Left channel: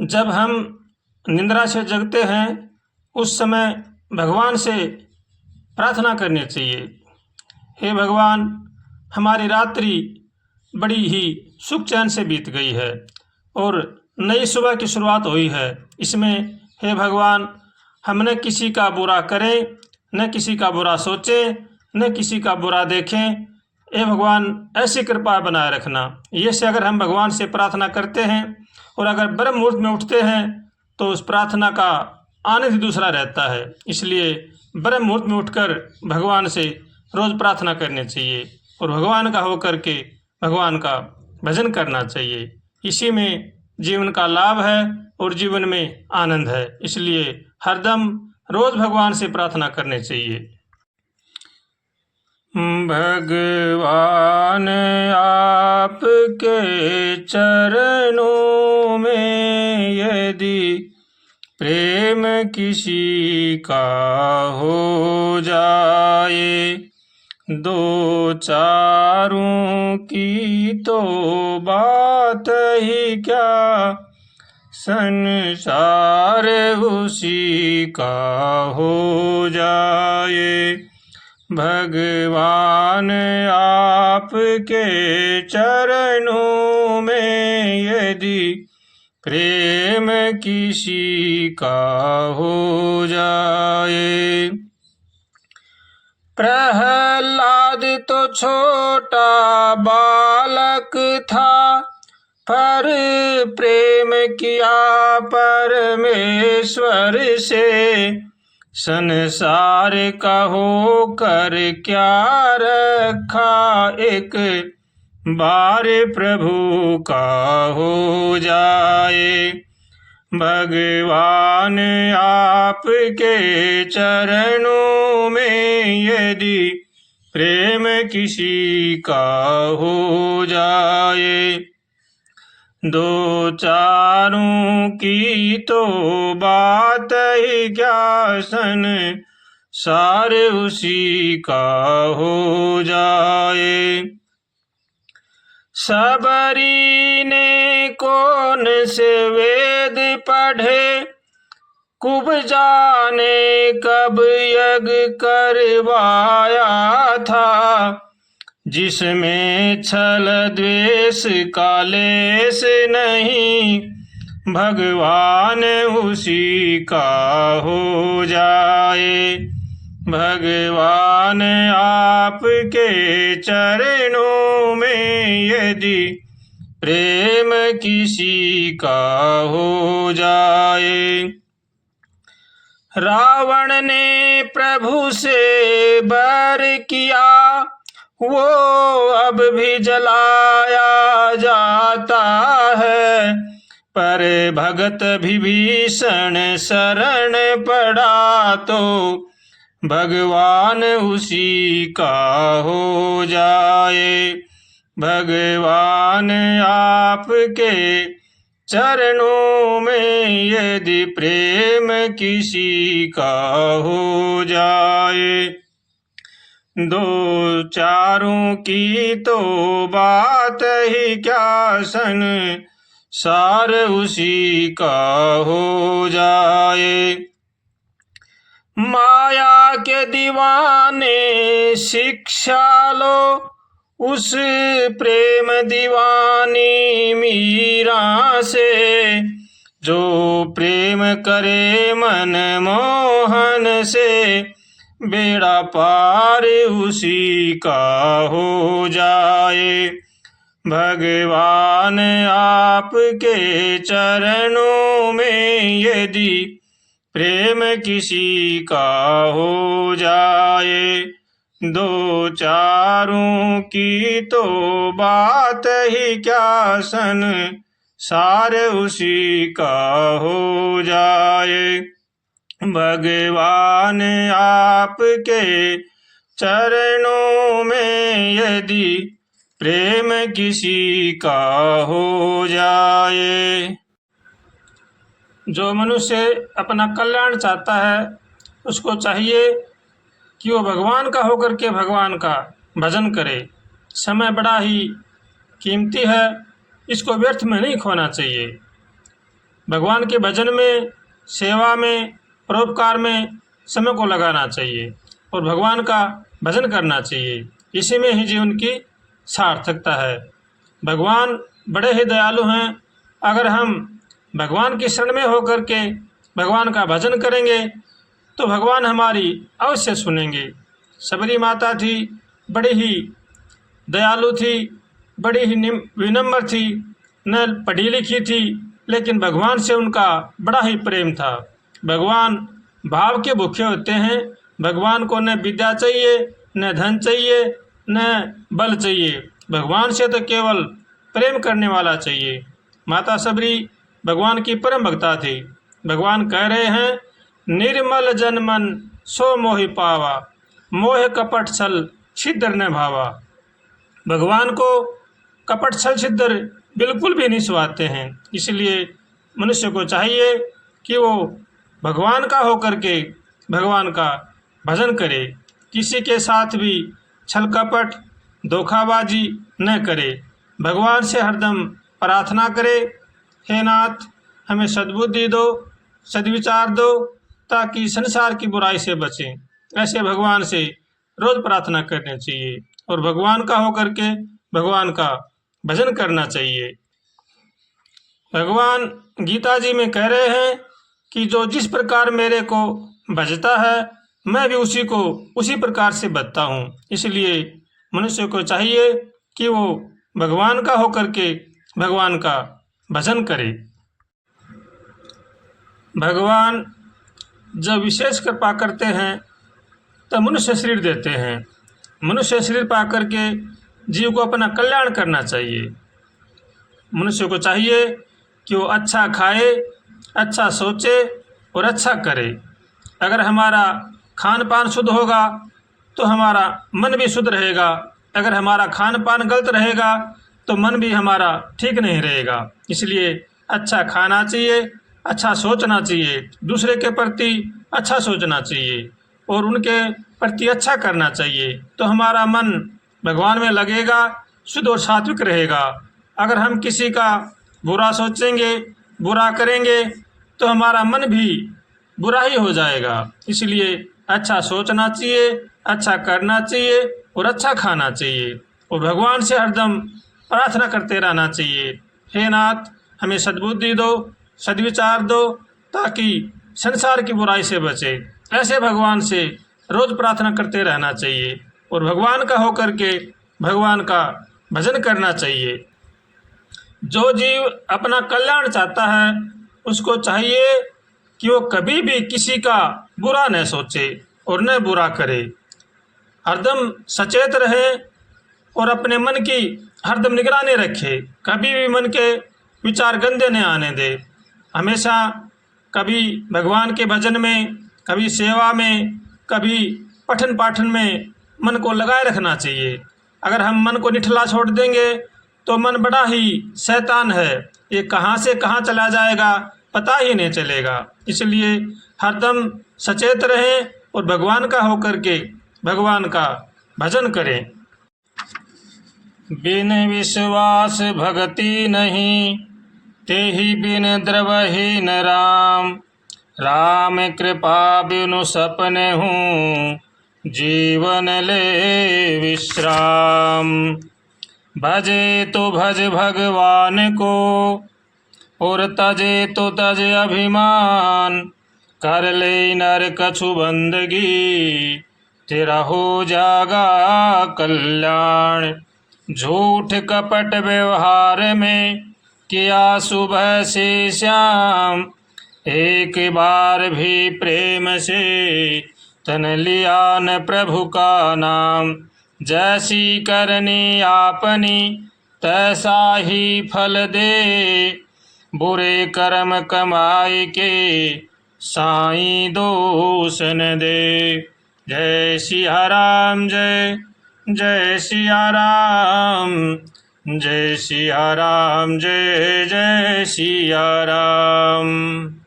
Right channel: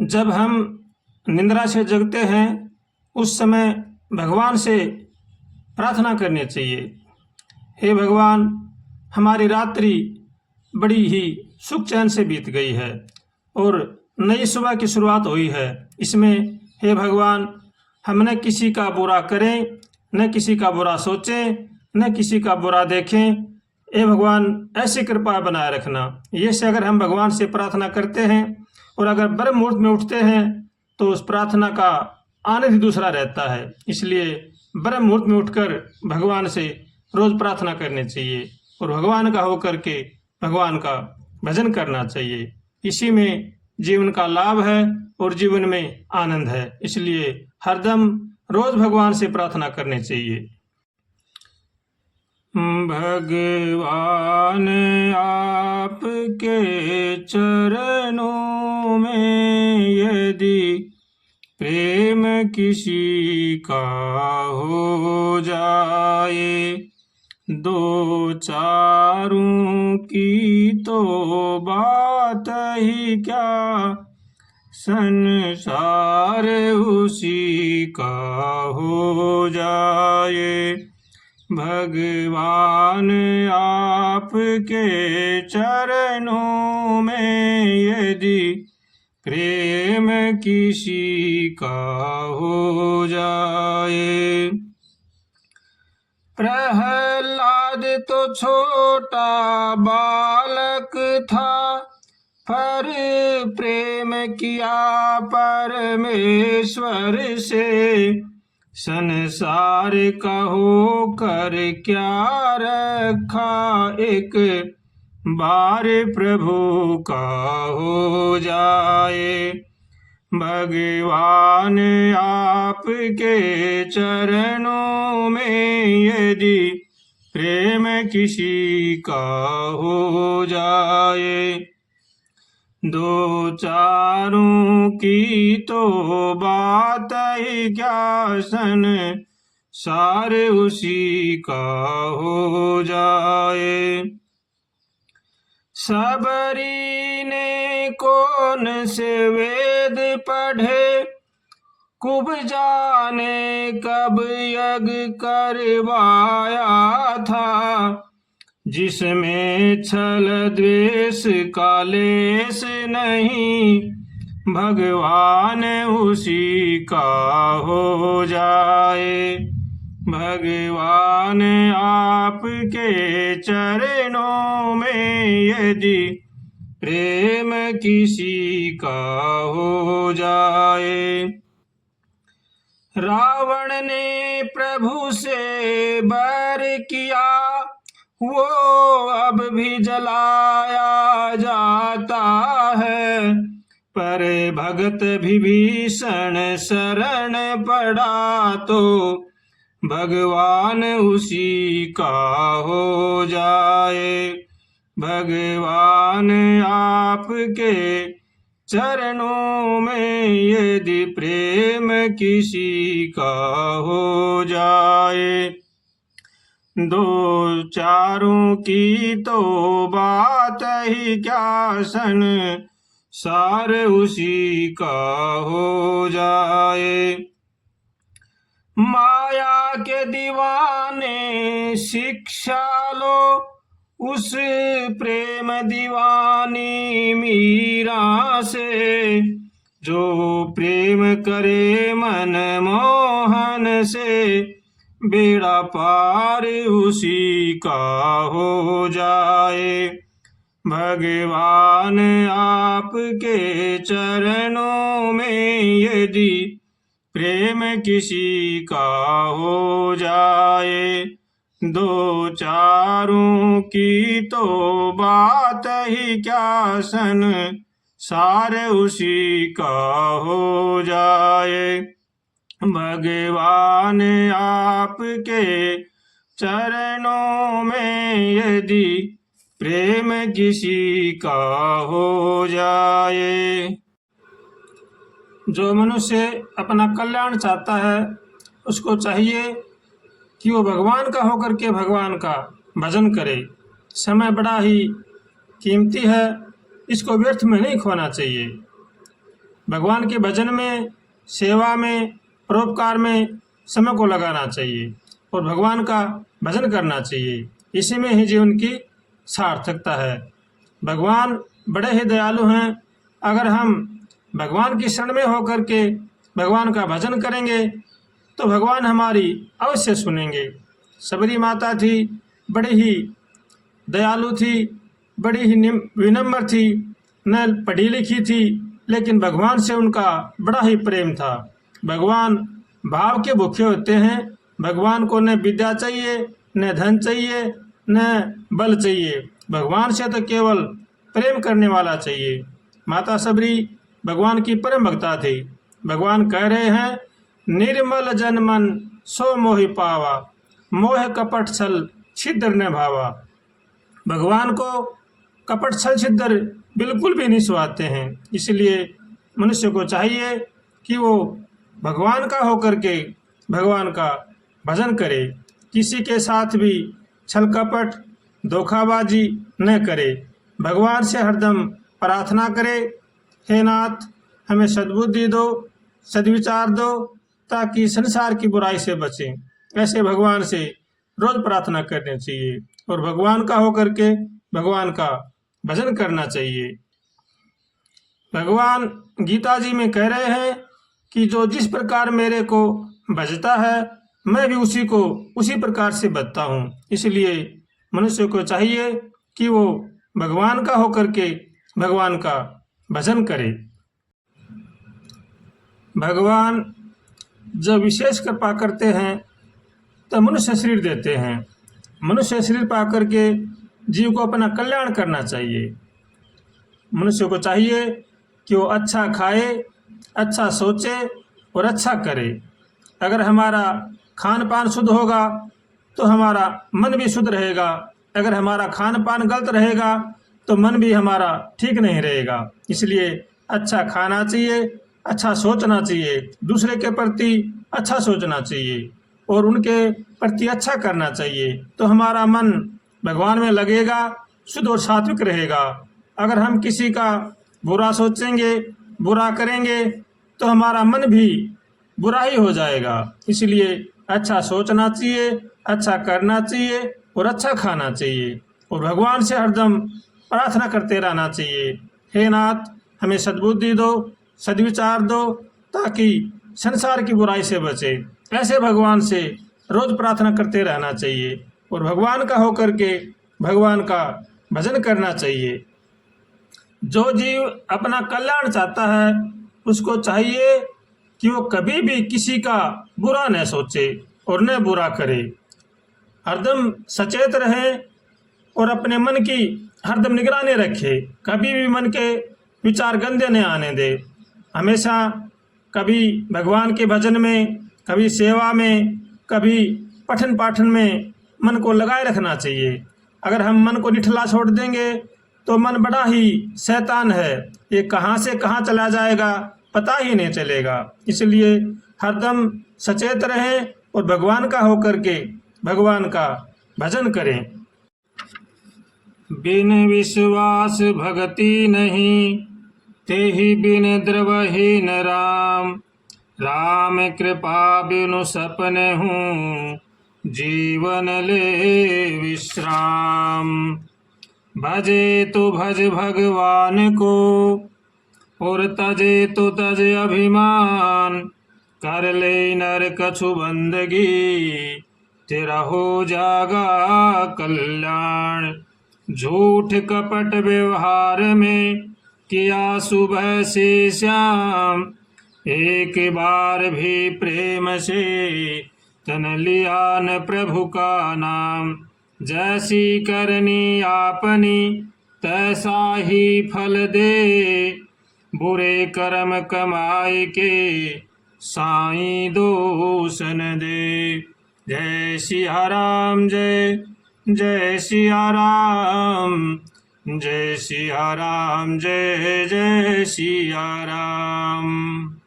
जब हम निंद्रा से जगते हैं उस समय भगवान से प्रार्थना करनी चाहिए। हे भगवान, हमारी रात्रि बड़ी ही सुख चैन से बीत गई है और नई सुबह की शुरुआत हुई है। इसमें हे भगवान, हम न किसी का बुरा करें, न किसी का बुरा सोचें, न किसी का बुरा देखें। हे भगवान, ऐसी कृपा बनाए रखना। ये से अगर हम भगवान से प्रार्थना करते हैं और अगर ब्रह्म मुहूर्त में उठते हैं तो उस प्रार्थना का आनंद ही दूसरा रहता है। इसलिए ब्रह्म मुहूर्त में उठकर भगवान से रोज़ प्रार्थना करनी चाहिए और भगवान का होकर के भगवान का भजन करना चाहिए। इसी में जीवन का लाभ है और जीवन में आनंद है। इसलिए हरदम रोज़ भगवान से प्रार्थना करनी चाहिए। भगवान आपके चरणों में यदि प्रेम किसी का हो जाए, दो चारों की तो बात ही क्या, संसार उसी का हो जाए। भगवान आपके चरणों में यदि प्रेम किसी का हो जाए। प्रहलाद तो छोटा बालक था, पर प्रेम किया परमेश्वर से। संसार का होकर क्या रखा, एक बार प्रभु का हो जाए। भगवान आपके चरणों में यदि प्रेम किसी का हो जाए, दो चारों की तो बात ही क्या, संसार उसी का हो जाए। सबरी ने कौन से वेद पढ़े, कुब जाने कब यज्ञ करवाया था। जिसमें छल द्वेष का लेस नहीं, भगवान उसी का हो जाए। भगवान आपके चरणों में यदि प्रेम किसी का हो जाए। रावण ने प्रभु से बैर किया, वो अब भी जलाया जाता है। पर भगत विभीषण शरण पड़ा तो भगवान उसी का हो जाए। भगवान आपके चरणों में यदि प्रेम किसी का हो जाए, दो चारों की तो बात ही क्या, संसार उसी का हो जाए। माया के दीवाने शिक्षा लो, उस प्रेम दीवानी मीरा से। जो प्रेम करे मन मोहन से, बेड़ा पार उसी का हो जाए। भगवान आपके चरणों में यदि प्रेम किसी का हो जाए, दो चारों की तो बात ही क्या, संसार उसी का हो जाए। भगवान आपके चरणों में यदि प्रेम किसी का हो जाए। जो मनुष्य अपना कल्याण चाहता है उसको चाहिए कि वो भगवान का होकर के भगवान का भजन करे। समय बड़ा ही कीमती है, इसको व्यर्थ में नहीं खोना चाहिए। भगवान के भजन में, सेवा में, परोपकार में समय को लगाना चाहिए और भगवान का भजन करना चाहिए। इसी में ही जीवन की सार्थकता है। भगवान बड़े ही दयालु हैं। अगर हम भगवान की शरण में होकर के भगवान का भजन करेंगे तो भगवान हमारी अवश्य सुनेंगे। सबरी माता थी, बड़ी ही दयालु थी, बड़ी ही विनम्र थी, न पढ़ी लिखी थी, लेकिन भगवान से उनका बड़ा ही प्रेम था। भगवान भाव के भूखे होते हैं। भगवान को न विद्या चाहिए, न धन चाहिए, न बल चाहिए। भगवान से तो केवल प्रेम करने वाला चाहिए। माता सबरी भगवान की परम भक्ता थी। भगवान कह रहे हैं, निर्मल जन मन सो मोहि पावा, मोह कपट छल छिद्र न भावा। भगवान को कपट छल छिद्र बिल्कुल भी नहीं सुहाते हैं। इसलिए मनुष्य को चाहिए कि वो भगवान का होकर के भगवान का भजन करे, किसी के साथ भी छल कपट धोखाबाजी न करे, भगवान से हरदम प्रार्थना करे, हे नाथ हमें सद्बुद्धि दो, सद्विचार दो, ताकि संसार की बुराई से बचें। ऐसे भगवान से रोज प्रार्थना करनी चाहिए और भगवान का होकर के भगवान का भजन करना चाहिए। भगवान गीता जी में कह रहे हैं कि जो जिस प्रकार मेरे को भजता है, मैं भी उसी को उसी प्रकार से भजता हूँ। इसलिए मनुष्य को चाहिए कि वो भगवान का होकर के भगवान का भजन करे। भगवान जब विशेष कृपा करते हैं तो मनुष्य शरीर देते हैं। मनुष्य शरीर पा करके जीव को अपना कल्याण करना चाहिए। मनुष्य को चाहिए कि वो अच्छा खाए, अच्छा सोचे और अच्छा करे। अगर हमारा खान पान शुद्ध होगा तो हमारा मन भी शुद्ध रहेगा। अगर हमारा खान पान गलत रहेगा तो मन भी हमारा ठीक नहीं रहेगा। इसलिए अच्छा खाना चाहिए, अच्छा सोचना चाहिए, दूसरे के प्रति अच्छा सोचना चाहिए और उनके प्रति अच्छा करना चाहिए, तो हमारा मन भगवान में लगेगा, शुद्ध और सात्विक रहेगा। अगर हम किसी का बुरा सोचेंगे, बुरा करेंगे तो हमारा मन भी बुरा ही हो जाएगा। इसलिए अच्छा सोचना चाहिए, अच्छा करना चाहिए और अच्छा खाना चाहिए और भगवान से हरदम प्रार्थना करते रहना चाहिए, हे नाथ हमें सद्बुद्धि दो, सद्विचार दो, ताकि संसार की बुराई से बचे। ऐसे भगवान से रोज प्रार्थना करते रहना चाहिए और भगवान का होकर के भगवान का भजन करना चाहिए। जो जीव अपना कल्याण चाहता है उसको चाहिए कि वो कभी भी किसी का बुरा न सोचे और न बुरा करे। हरदम सचेत रहे और अपने मन की हरदम निगरानी रखे। कभी भी मन के विचार गंदे न आने दे। हमेशा कभी भगवान के भजन में, कभी सेवा में, कभी पठन पाठन में मन को लगाए रखना चाहिए। अगर हम मन को निठला छोड़ देंगे तो मन बड़ा ही शैतान है, ये कहाँ से कहाँ चला जाएगा पता ही नहीं चलेगा। इसलिए हरदम सचेत रहें और भगवान का होकर के भगवान का भजन करें। बिन विश्वास भगति नहीं, तेहि बिन द्रवहीन राम। राम कृपा बिनु सपने हूँ, जीवन ले विश्राम। भजे तो भज भगवान को, और तजे तो तज अभिमान। कर ले नर कछु बंदगी, तेरा हो जागा कल्याण। झूठ कपट व्यवहार में, किया सुबह से शाम। एक बार भी प्रेम से, तन लिया न प्रभु का नाम। जैसी करनी आपनी, तैसा ही फल दे। बुरे कर्म कमाई के, साईं दोष न दे। जय सिया राम, जय जय सिया राम, जय सिया राम, जय जय सिया राम।